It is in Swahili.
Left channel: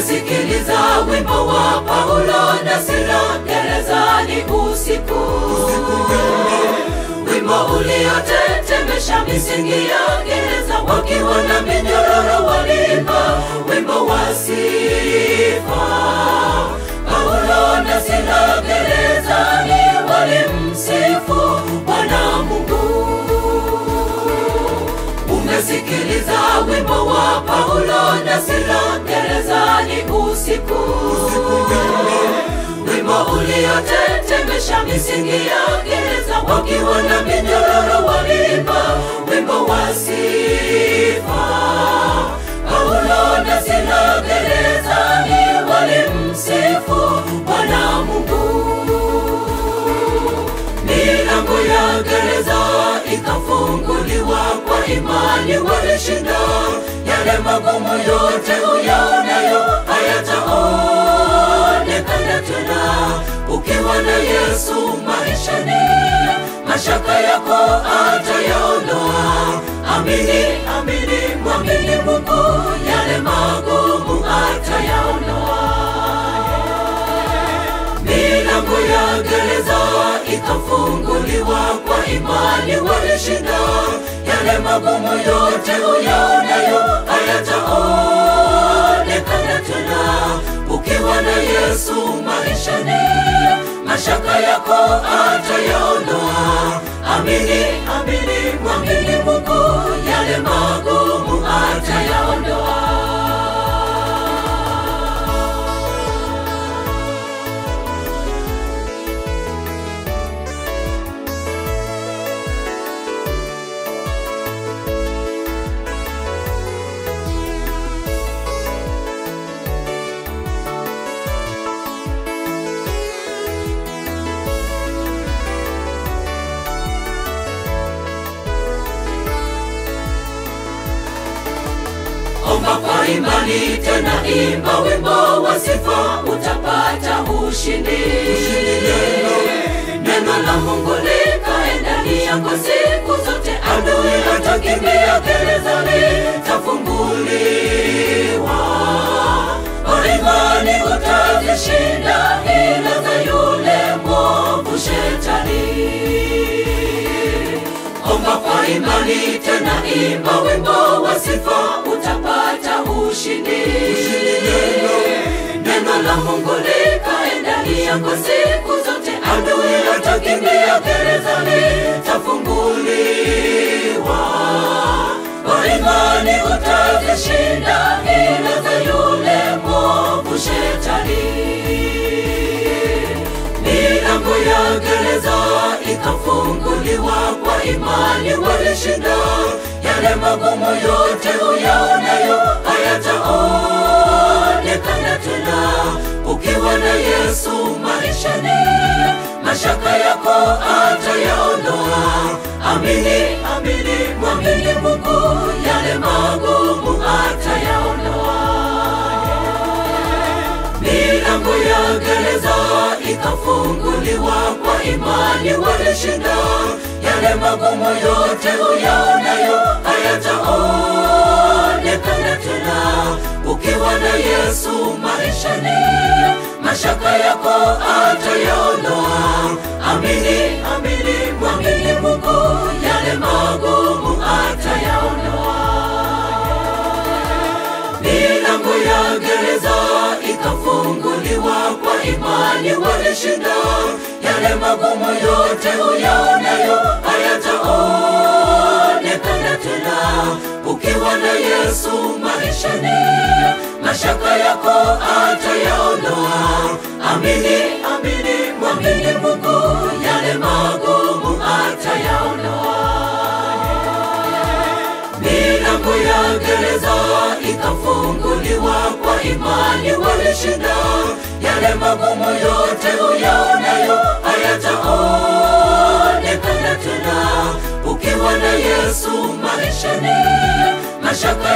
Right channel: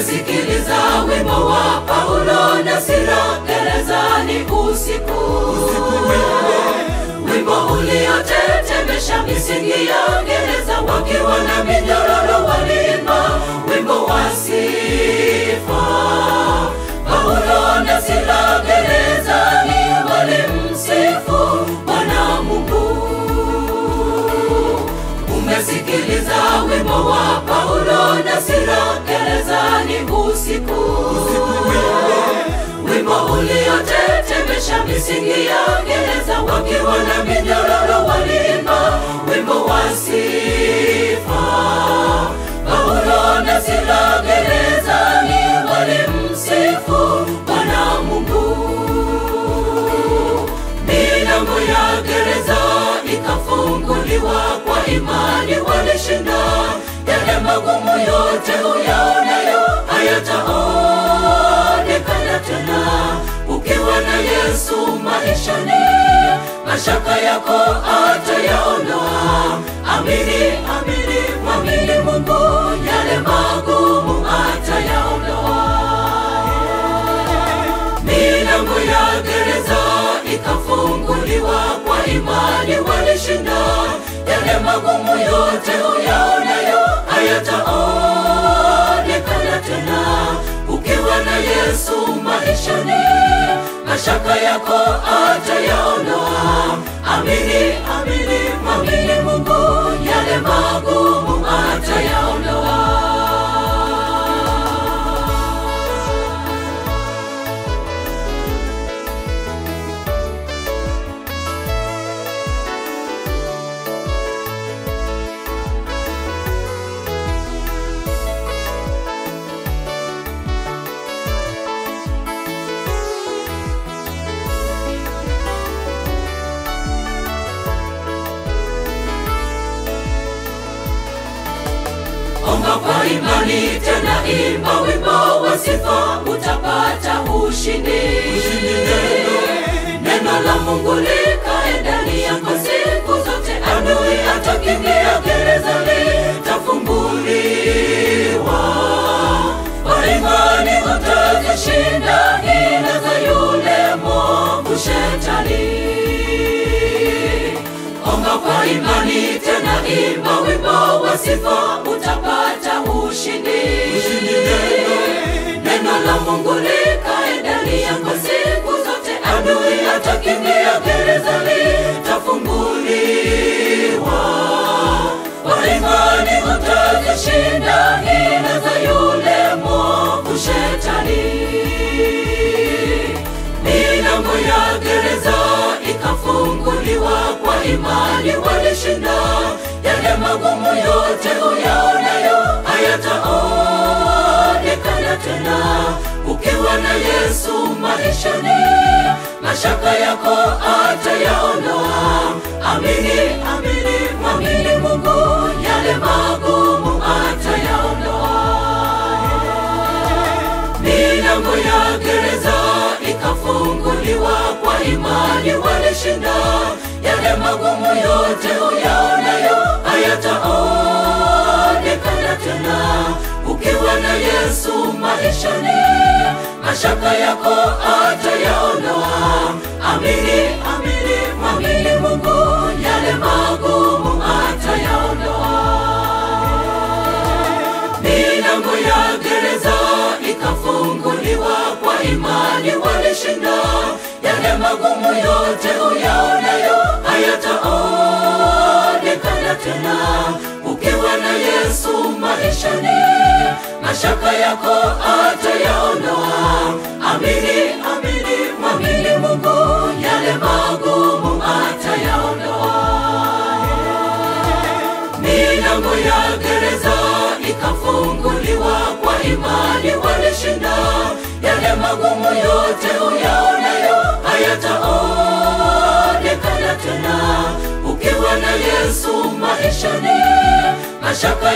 Umesikiliza wimbo wa Paulo na Sila gerezani usiku. Wimbo uliotetemesha misingi ya gereza, wakiwa na minyororo waliimba wimbo wa sifa. Paulo na Sila gerezani walimsifu Bwana Mungu. Umesikiliza wimbo wa Paulo na Sila gerezani usiku. Wimbo uliotetemesha misingi ya gereza, wakiwa na minyororo waliimba wimbo wa sifa. Paulo na Sila gerezani walimsifu Bwana Mungu. Milango ya gereza ikafunguliwa, kwa imani walishinda. Yale magumu yote uyaonayo hayataonekana tena. Ukiwa na Yesu maishani, mashaka yako atayaondoa. Amini, amini, mwamini Mungu, yale magumu atayaondoa. Milango ya gereza ikafunguliwa, kwa imani walishinda. Yale magumu yote uyaonayo hayataonekana tena. Ukiwa na Yesu maishani, mashaka yako atayaondoa. Amini, amini, mwamini Mungu, yale magumu atayaondoa. Omba kwa imani, tena imba wimbo wa sifa, utapata ushindi. Neno la Mungu likae ndani yako siku zote. Adui atakimbia, gerezani tafunguliwa. Kwa imani utazishinda hila za yule mwovu Shetani. Omba kwa imani, tena imba wimbo wa sifa, utapata ushindi. Neno la Mungu likae ndani yako siku zote. Adui atakimbia, gerezani tafunguliwa. Kwa imani utazishinda hila za yule mwovu Shetani. Milango ya gereza ikafunguliwa, kwa imani walishinda. Yale magumu yote uyaonayo hayataonekana tena. Ukiwa na Yesu maishani, mashaka yako atayaondoa. Amini, amini, mwamini Mungu, yale magumu atayaondoa. Milango ya gereza ikafunguliwa, kwa imani walishinda. Yale magumu yote uyaonayo hayataonekana tena. Ukiwa na Yesu maishani, mashaka yako atayaondoa. Amini, amini, mwamini Mungu, yale magumu atayaondoa. Milango ya gereza ikafunguliwa, kwa imani walishinda. Yale magumu yote uyaonayo hayataonekana tena. Ukiwa na Yesu maishani, mashaka yako atayaondoa. Amini, amini, mwamini Mungu, yale magumu atayaondoa. Milango ya gereza ikafunguliwa, kwa imani walishinda. Yale magumu yote uyaonayo hayataonekana tena. Ukiwa na Yesu maishani, mashaka